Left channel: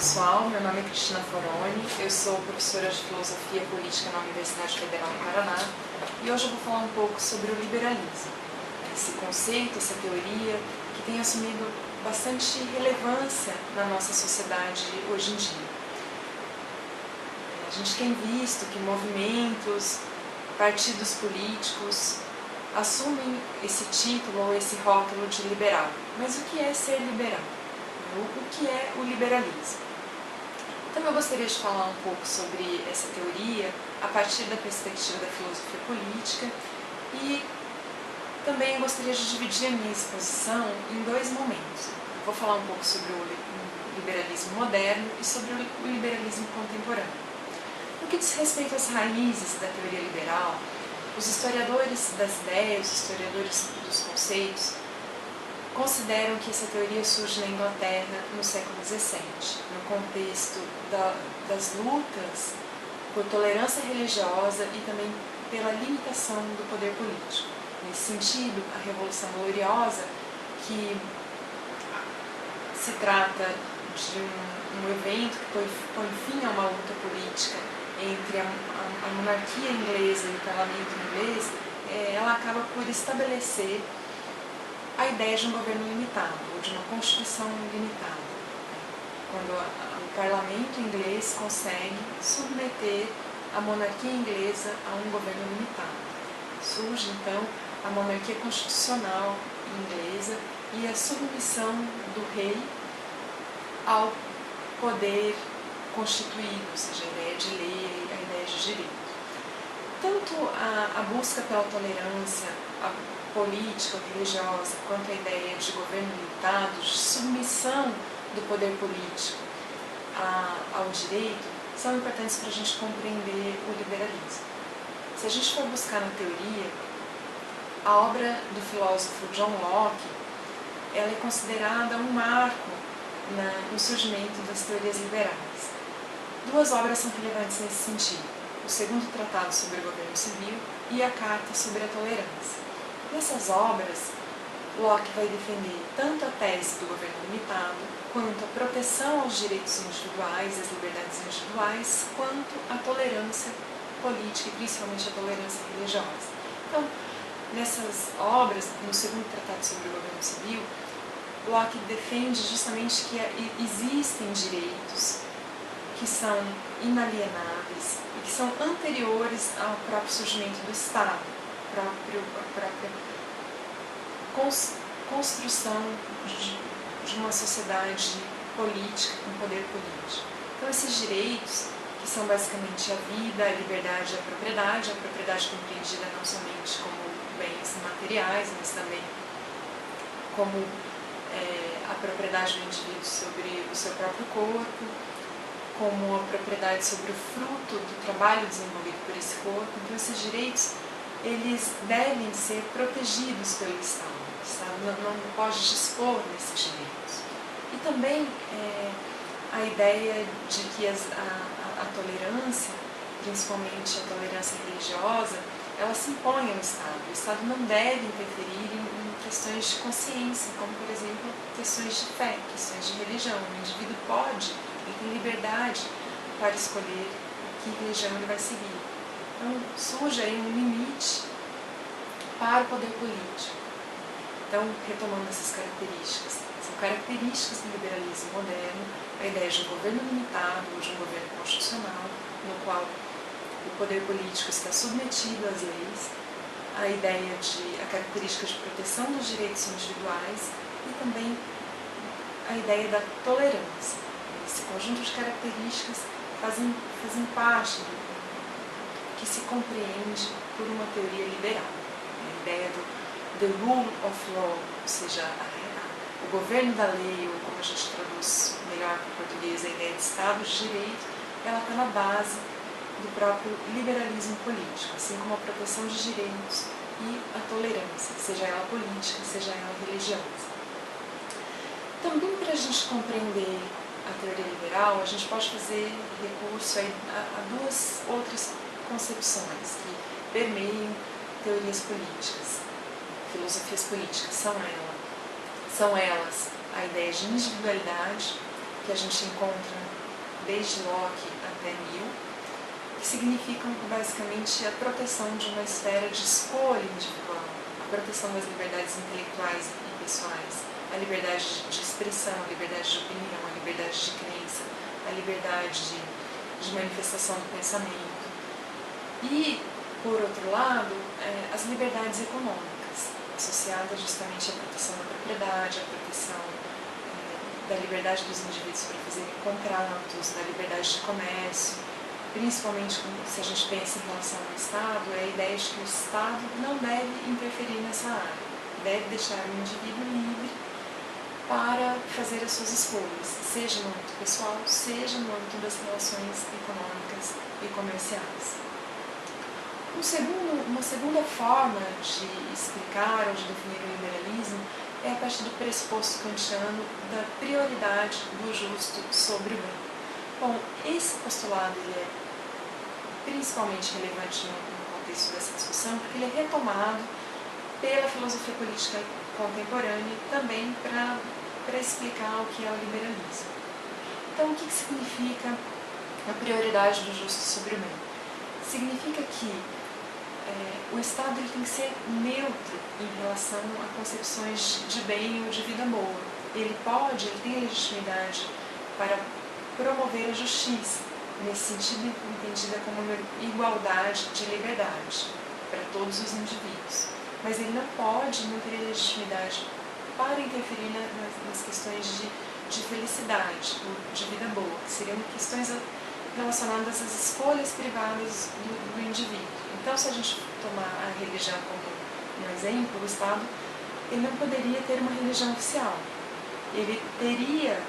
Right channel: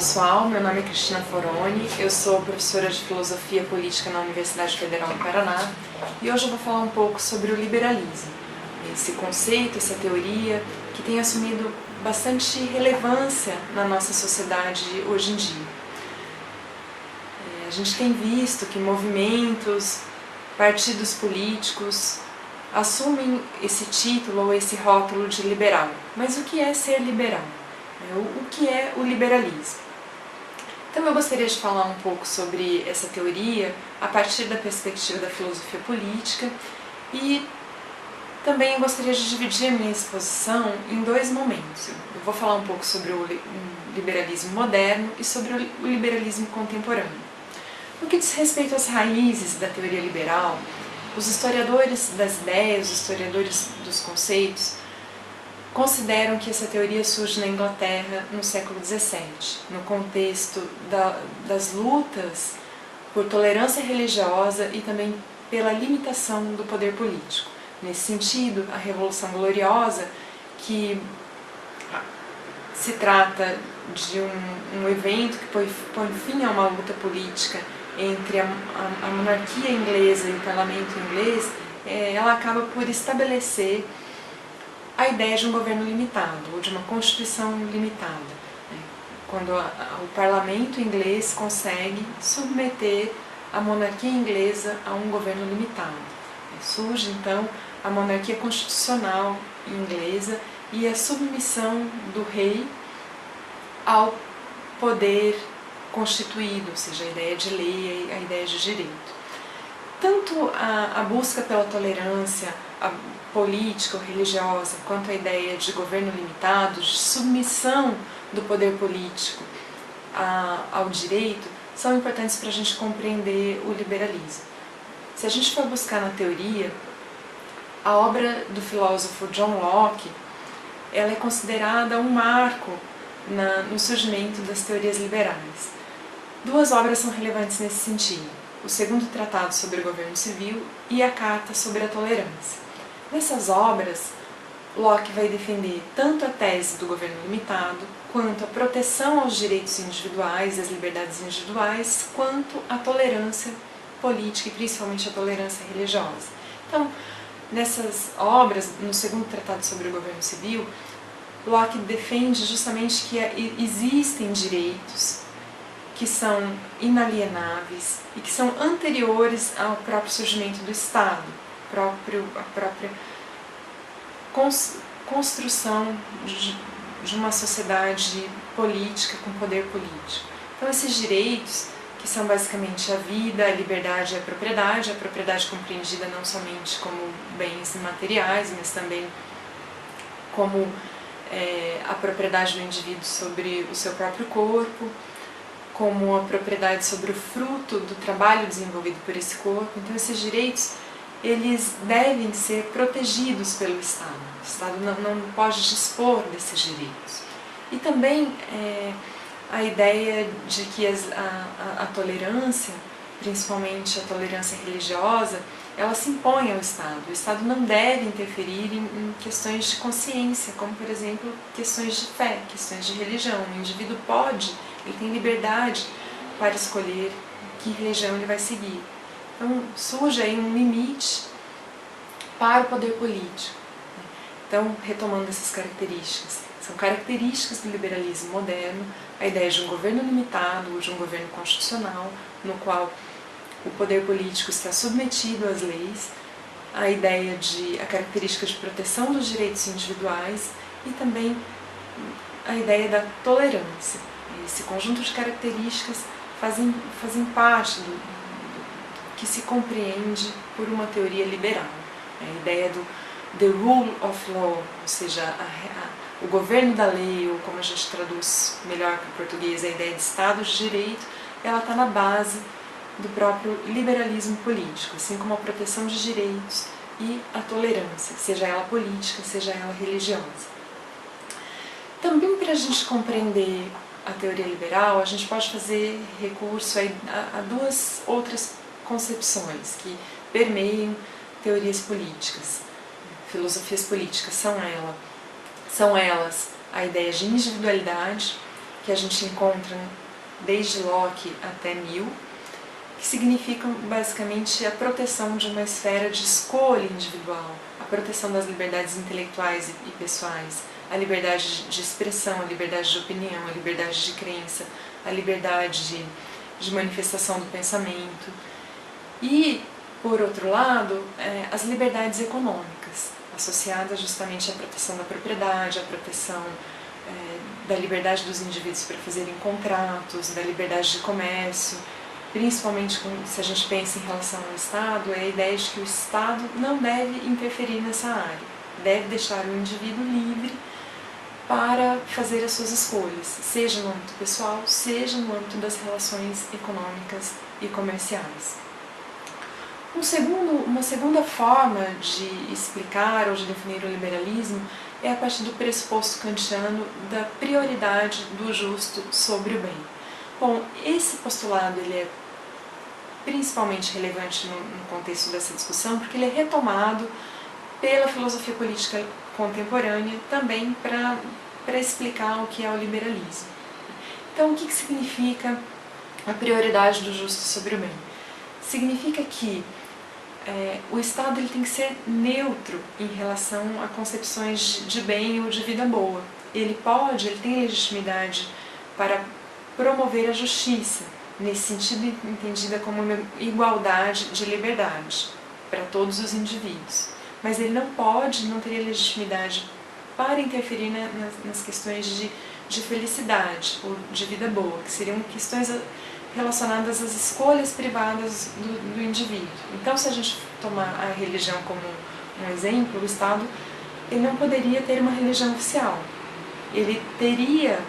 pessoal, meu nome é Cristina Foroni, eu sou professora de Filosofia Política na Universidade Federal do Paraná e hoje eu vou falar um pouco sobre o liberalismo, esse conceito, essa teoria que tem assumido bastante relevância na nossa sociedade hoje em dia. A gente tem visto que movimentos, partidos políticos assumem esse título ou esse rótulo de liberal. Mas o que é ser liberal? O que é o liberalismo? Então eu gostaria de falar um pouco sobre essa teoria a partir da perspectiva da filosofia política e também eu gostaria de dividir a minha exposição em dois momentos. Eu vou falar um pouco sobre o liberalismo moderno e sobre o liberalismo contemporâneo. No que diz respeito às raízes da teoria liberal, os historiadores das ideias, os historiadores dos conceitos, consideram que essa teoria surge na Inglaterra no século XVII, no contexto das lutas por tolerância religiosa e também pela limitação do poder político. Nesse sentido, a Revolução Gloriosa, que se trata de um evento que põe fim a uma luta política entre a monarquia inglesa e o parlamento inglês, ela acaba por estabelecer a ideia de um governo limitado, ou de uma constituição limitada, quando o parlamento inglês consegue submeter a monarquia inglesa a um governo limitado. Surge então a monarquia constitucional inglesa e a submissão do rei ao poder constituído, ou seja, a ideia de lei, a ideia de direito. Tanto a busca pela tolerância política ou religiosa, quanto a ideia de governo limitado, de submissão do poder político ao direito, são importantes para a gente compreender o liberalismo. Se a gente for buscar na teoria, a obra do filósofo John Locke, ela é considerada um marco no surgimento das teorias liberais. Duas obras são relevantes nesse sentido: o segundo tratado sobre o governo civil e a carta sobre a tolerância. Nessas obras, Locke vai defender tanto a tese do governo limitado, quanto a proteção aos direitos individuais e às liberdades individuais, quanto a tolerância política e principalmente a tolerância religiosa. Então, nessas obras, no segundo tratado sobre o governo civil, Locke defende justamente que existem direitos que são inalienáveis e que são anteriores ao próprio surgimento do Estado, a própria construção de uma sociedade política com poder político. Então esses direitos, que são basicamente a vida, a liberdade e a propriedade compreendida não somente como bens materiais, mas também como a propriedade do indivíduo sobre o seu próprio corpo, como a propriedade sobre o fruto do trabalho desenvolvido por esse corpo. Então esses direitos, eles devem ser protegidos pelo Estado. O Estado não pode dispor desses direitos. E também a ideia de que a tolerância, principalmente a tolerância religiosa, ela se impõe ao Estado. O Estado não deve interferir em questões de consciência, como, por exemplo, questões de fé, questões de religião. O indivíduo ele tem liberdade para escolher que religião ele vai seguir. Então, surge aí um limite para o poder político. Então, retomando essas características, são características do liberalismo moderno, a ideia de um governo limitado ou de um governo constitucional, no qual o poder político está submetido às leis, a característica de proteção dos direitos individuais e também a ideia da tolerância. Esse conjunto de características fazem parte do que se compreende por uma teoria liberal. A ideia do the rule of law, ou seja, o governo da lei, ou como a gente traduz melhor para o português, a ideia de Estado de Direito, ela está na base do próprio liberalismo político, assim como a proteção de direitos e a tolerância, seja ela política, seja ela religiosa. Também para a gente compreender a teoria liberal, a gente pode fazer recurso a duas outras concepções que permeiam teorias políticas, filosofias políticas. São elas a ideia de individualidade, que que a gente encontra desde Locke até Mill, que significam basicamente a proteção de uma esfera de escolha individual, a proteção das liberdades intelectuais e pessoais, a liberdade de expressão, a liberdade de opinião, a liberdade de crença, a liberdade de manifestação do pensamento e, por outro lado, as liberdades econômicas, associadas justamente à proteção da propriedade, à proteção da liberdade dos indivíduos para fazerem contratos, da liberdade de comércio, principalmente se a gente pensa em relação ao Estado, é a ideia de que o Estado não deve interferir nessa área, deve deixar o indivíduo livre para fazer as suas escolhas, seja no âmbito pessoal, seja no âmbito das relações econômicas e comerciais. Uma segunda forma de explicar ou de definir o liberalismo é a partir do pressuposto kantiano da prioridade do justo sobre o bem. Bom, esse postulado ele é principalmente relevante no contexto dessa discussão porque ele é retomado pela filosofia política contemporânea também para explicar o que é o liberalismo. Então, o que significa a prioridade do justo sobre o bem? Significa que o Estado ele tem que ser neutro em relação a concepções de bem ou de vida boa. Ele tem legitimidade para promover a justiça, nesse sentido entendida como uma igualdade de liberdade para todos os indivíduos. Mas ele não teria legitimidade para interferir nas questões de felicidade ou de vida boa, que seriam questões relacionadas às escolhas privadas do indivíduo. Então, se a gente tomar a religião como um exemplo, o Estado ele não poderia ter uma religião oficial. Ele teria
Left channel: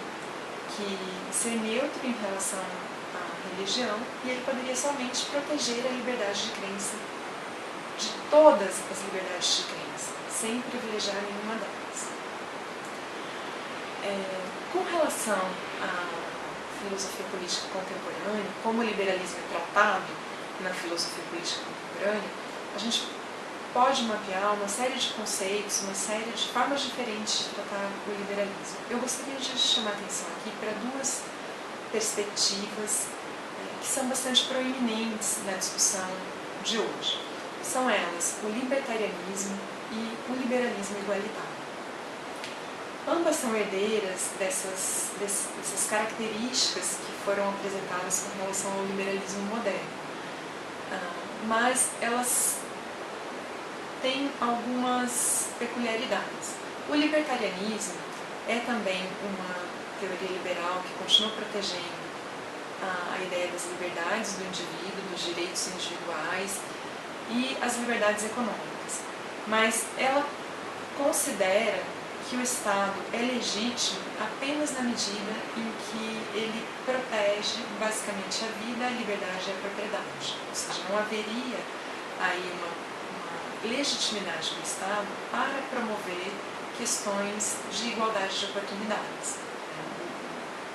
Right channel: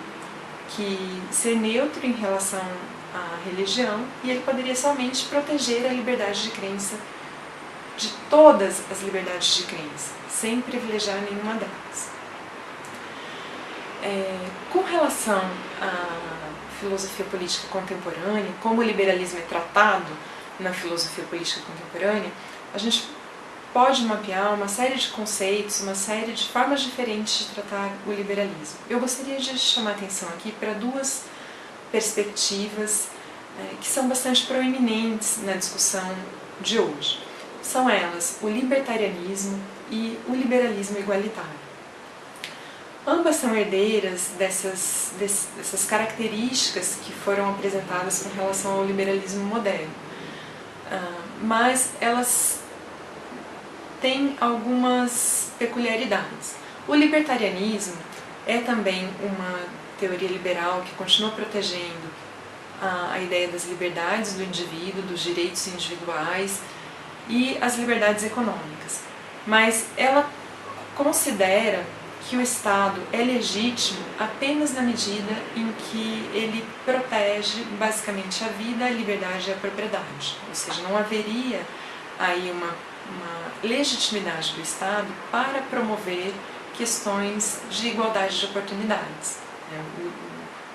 que ser neutro em relação à religião e ele poderia somente proteger a liberdade de crença, de todas as liberdades de crença, sem privilegiar nenhuma delas. Com relação à filosofia política contemporânea, como o liberalismo é tratado na filosofia política contemporânea, a gente pode mapear uma série de conceitos, uma série de formas diferentes de tratar o liberalismo. Eu gostaria de chamar a atenção aqui para duas perspectivas que são bastante proeminentes na discussão de hoje. São elas o libertarianismo e o liberalismo igualitário. Ambas são herdeiras dessas características que foram apresentadas com relação ao liberalismo moderno, mas elas têm algumas peculiaridades. O libertarianismo é também uma teoria liberal que continua protegendo a ideia das liberdades do indivíduo, dos direitos individuais e as liberdades econômicas, mas ela considera que o Estado é legítimo apenas na medida em que ele protege basicamente a vida, a liberdade e a propriedade. Ou seja, não haveria aí uma legitimidade do Estado para promover questões de igualdade de oportunidades.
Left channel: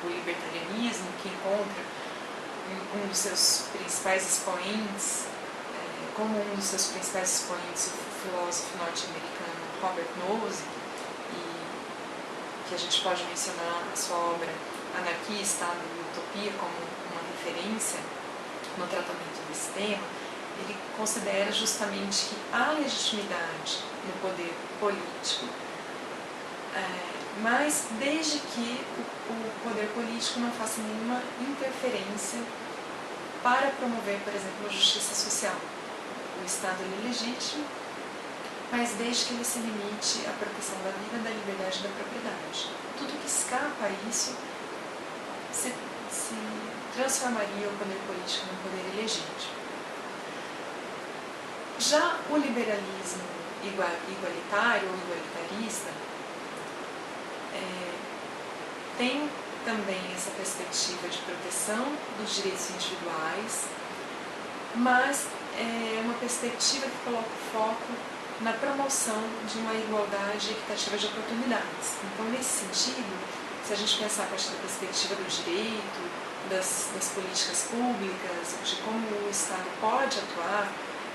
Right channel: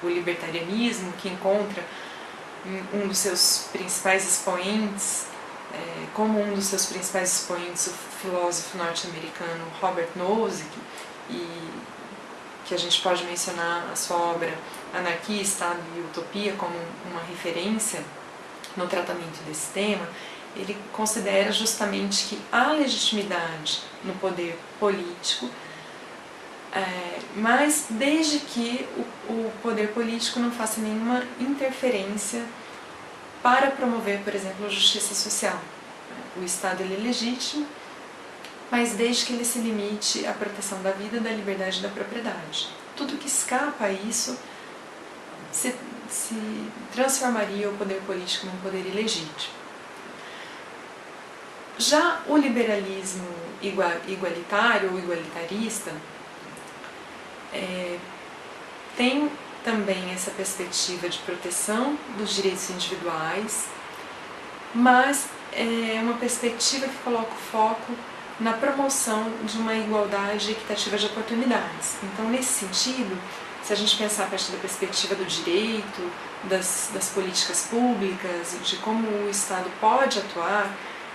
O libertarianismo, que encontra um dos seus principais expoentes, como um dos seus principais expoentes, o filósofo norte-americano Robert Nozick, e que a gente pode mencionar a sua obra Anarquia, Estado e Utopia como uma referência no tratamento desse tema, ele considera justamente que há legitimidade no poder político, mas desde que o poder político não faça nenhuma interferência para promover, por exemplo, a justiça social. O Estado ele é legítimo, mas desde que ele se limite à proteção da vida, da liberdade e da propriedade. Tudo que escapa a isso se transformaria o poder político num poder ilegítimo. Já o liberalismo igualitário ou igualitarista tem também essa perspectiva de proteção dos direitos individuais, mas é uma perspectiva que coloca o foco na promoção de uma igualdade equitativa de oportunidades. Então, nesse sentido, se a gente pensar a partir da perspectiva do direito, das políticas públicas, de como o Estado pode atuar,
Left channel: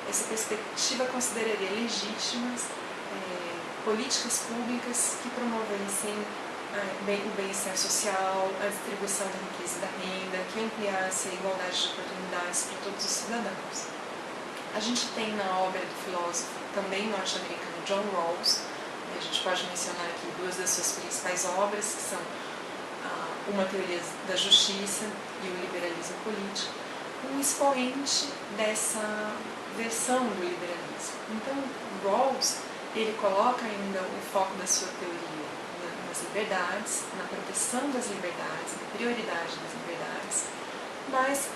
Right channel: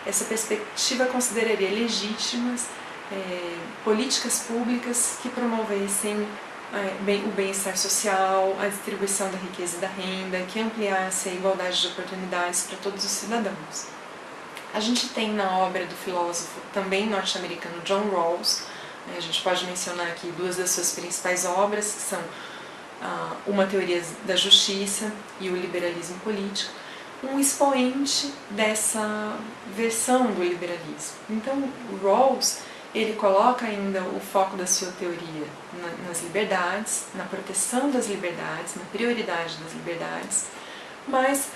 essa perspectiva consideraria legítimas políticas públicas que promovessem o bem-estar social, a distribuição da riqueza e da renda, que ampliasse a igualdade de oportunidades para todos os cidadãos. A gente tem na obra do filósofo também norte-americano John Rawls, a gente pode mencionar aqui duas das suas principais obras, que são Uma Teoria da Justiça e o Liberalismo Político, um expoente dessa versão do liberalismo. Então, Rawls, ele coloca ainda o foco da sua teoria nas liberdades, na proteção das liberdades, na prioridade das liberdades, mas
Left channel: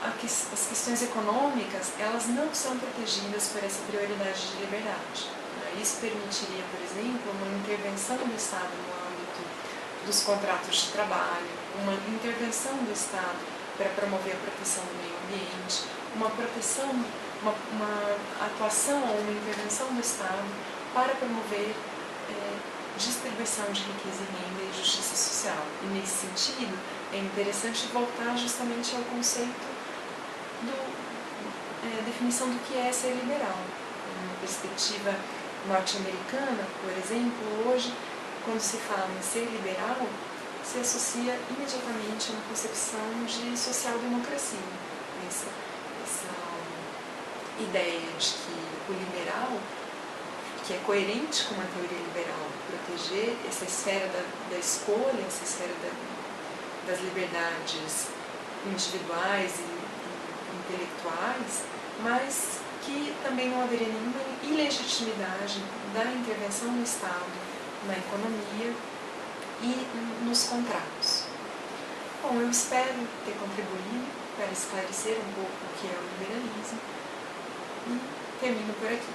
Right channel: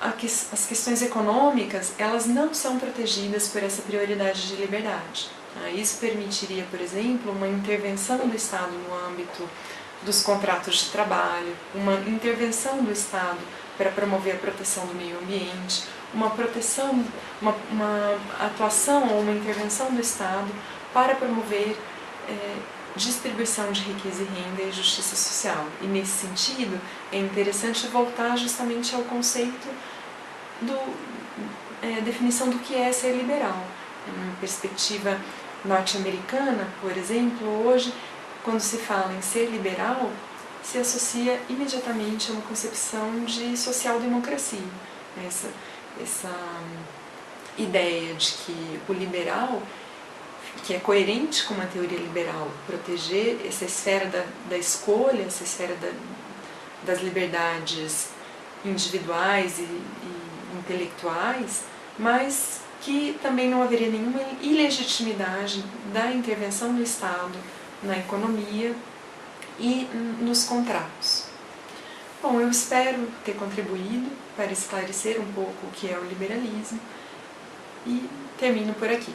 as questões econômicas, elas não são protegidas por essa prioridade de liberdade. Isso permitiria, por exemplo, uma intervenção do Estado no âmbito dos contratos de trabalho, uma intervenção do Estado para promover a proteção do meio ambiente, uma atuação ou uma intervenção do Estado para promover distribuição de riqueza e renda e justiça social. E nesse sentido, é interessante voltar justamente ao conceito definição do que é ser liberal. Uma perspectiva norte-americana, por exemplo, hoje, quando se fala em ser liberal, se associa imediatamente a uma concepção de social-democracia. Essa ideia de que o liberal, que é coerente com uma teoria liberal, proteger essa esfera da escolha, essa esfera das liberdades individuais e intelectuais, mas que também não haveria nenhuma ilegitimidade da intervenção do Estado na economia e nos contratos. Bom, eu espero ter contribuído para esclarecer um pouco o que é o liberalismo e termino por aqui.